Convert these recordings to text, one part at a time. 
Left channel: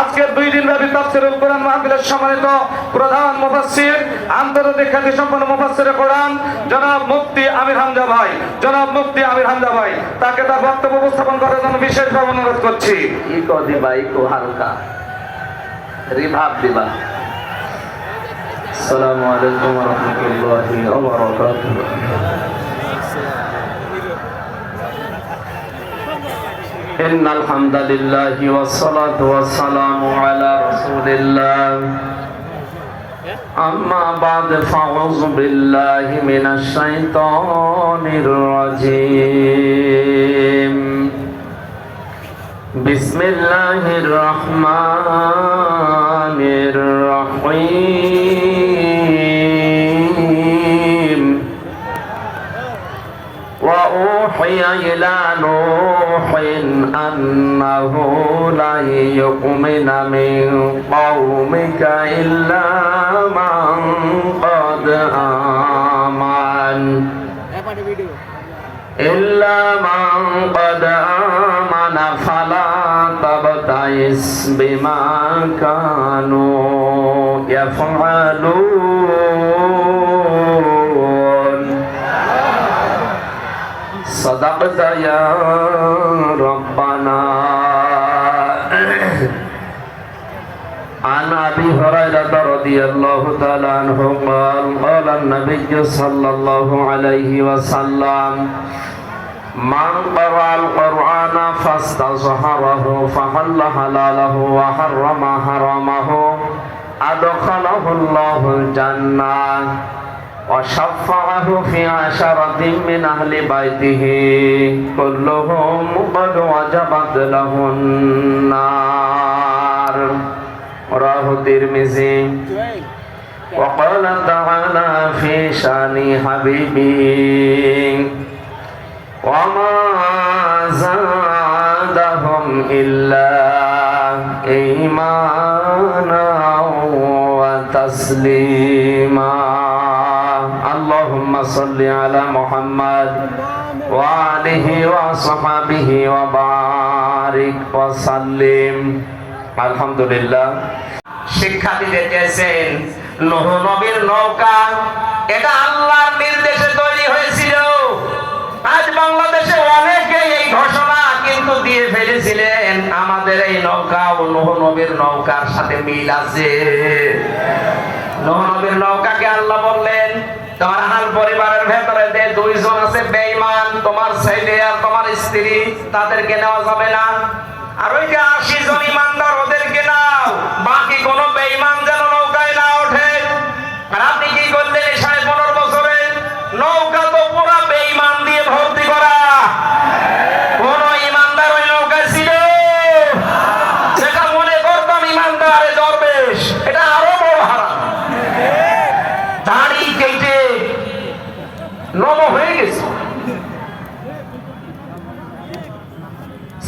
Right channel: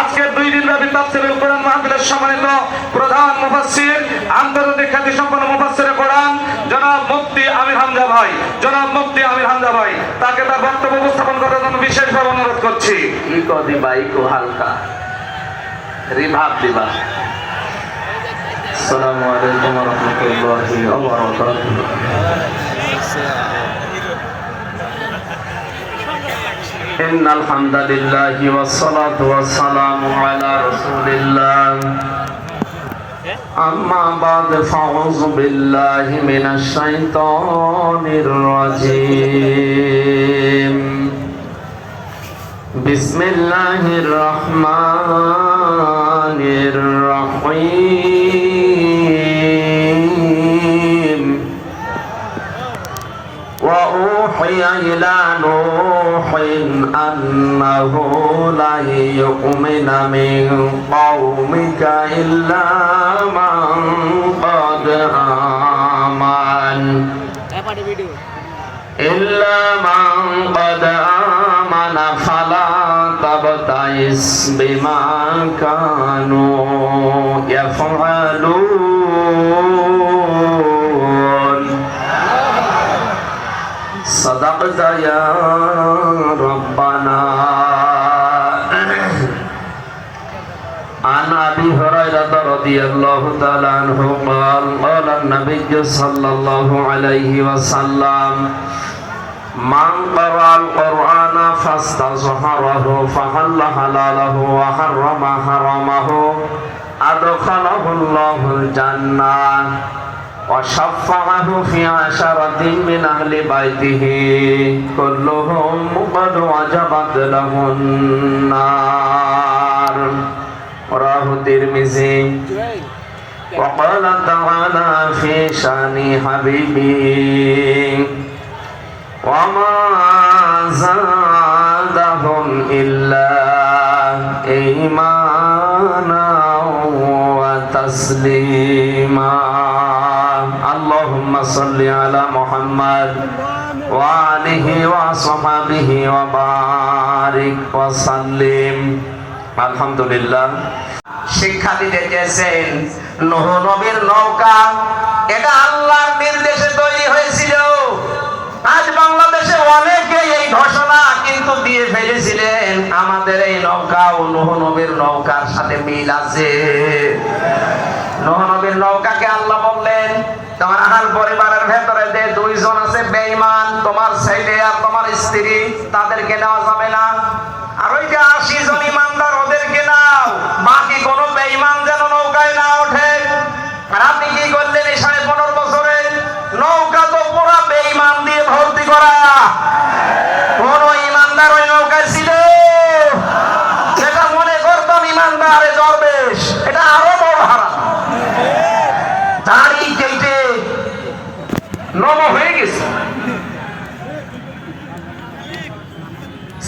আজকে 2 দিন ব্যাপী তাফসীরুল কোরআন মাহফিলের সম্মানিত প্রধান মুফাসসির আন্তর্জাতিক খ্যাতিসম্পন্ন মুফাসসিরে কোরআন জনাব মুফতি আমির হামজা ভাই, জনাব মুফতি আমির হামজা ভাই, তাকে তার বক্তব্য উপস্থাপন করার জন্য বিশেষভাবে অনুরোধ করছি। ইকো দিবা, ইকো হালকা রিভাব দিবা। আসসালামু আলাইকুম ওয়া রাহমাতুল্লাহি ওয়া বারাকাতুহু। ইন্নাল হামদালিল্লাহি ওয়াস সালাতু ওয়াস সালামু আলা রাসূলিল্লাহ। আম্মা বা'দ ফাউযু বিল্লাহি মিনাশ শাইতানির রাজীম। বিসমিল্লাহির রহমানির রহিম। ওয়া উহিয়া ইলা নূহিন আন্নাহু লা ইউমিনা মিন কওমিকা ইল্লা মান ক্বাদ আমানা ফালা তাবতাইস বিমা কানু ইয়াফআলুন। সাদাকতা ইয়া রাব্বানা। عن أبي هريرة رضي الله تعالى عنه قال قال النبي صلى الله عليه وسلم من قرأ القرآن فاستظهره فحل حلاله وحرم حرامه أدخله الله الجنة وشفعه في 10 من أهل بيته كلهم قد وجبت له النار. رواه الترمذي. وقال تعالى في شأن حبيبه وما زادهم إلا إيمانا وتسليما. اللهم صل على محمد وآله وصحبه وبارك وسلم. আলহামদুলিল্লাহ। শিক্ষা দিতে চেয়েছেন নূহ নবীর নৌকা, এটা আল্লাহর নির্দেশে তৈরি হয়েছিল। আজ বাংলাদেশে অনেকে এই ঘোষণা কিন্তু দিয়ে ফেলেছিলেন আমাদের এই নৌকা ও নূহ নবীর নৌকার সাথে মিল আছে। নূহ নবীর নৌকাকে আল্লাহ বললেন তোমার আহাল পরিবারের ভেতরে যে 2 জন আছে বেঈমান, তোমার ছেলে আর তোমার স্ত্রী, তাদেরকে নেওয়া যাবে না। আর ওই যে 80 জন ইমানদার ওদেরকে নাও, বাকি কোন বেঈমান যেন নৌকায় না ওঠে। আর আপনি কি করলেন এই 15.5 বছরে? নৌকা তো পুরো বেঈমান দিয়ে ভর্তি করা। কোন ইমানদার ওই নৌকায় ছিল? যেটা মনে করতাম ইমানদার এ দরবেশ, এটা আরো বড় হারাম। দাড়ি কেটে নম হয়ে গেছে।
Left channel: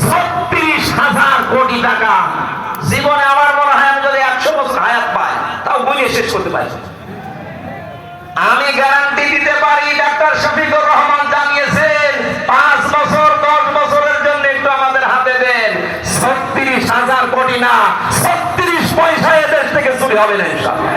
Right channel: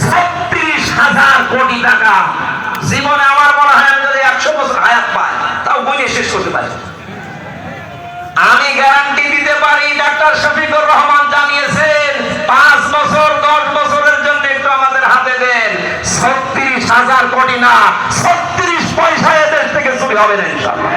36,000 কোটি টাকা। জীবনে আমার মনে হয় আমি যদি 100 বছর হায়াত পাই তাও বলে শেষ করতে পারি। আমি গ্যারান্টি দিতে পারি, ডাক্তার শফিকুর রহমান জানিয়েছেন 5 বছর 10 বছরের জন্য একটু আমাদের হাতে দেন, 36,000 কোটি না 36 পয়সা এদেশ থেকে চুরি হবে না ইনশাআল্লাহ।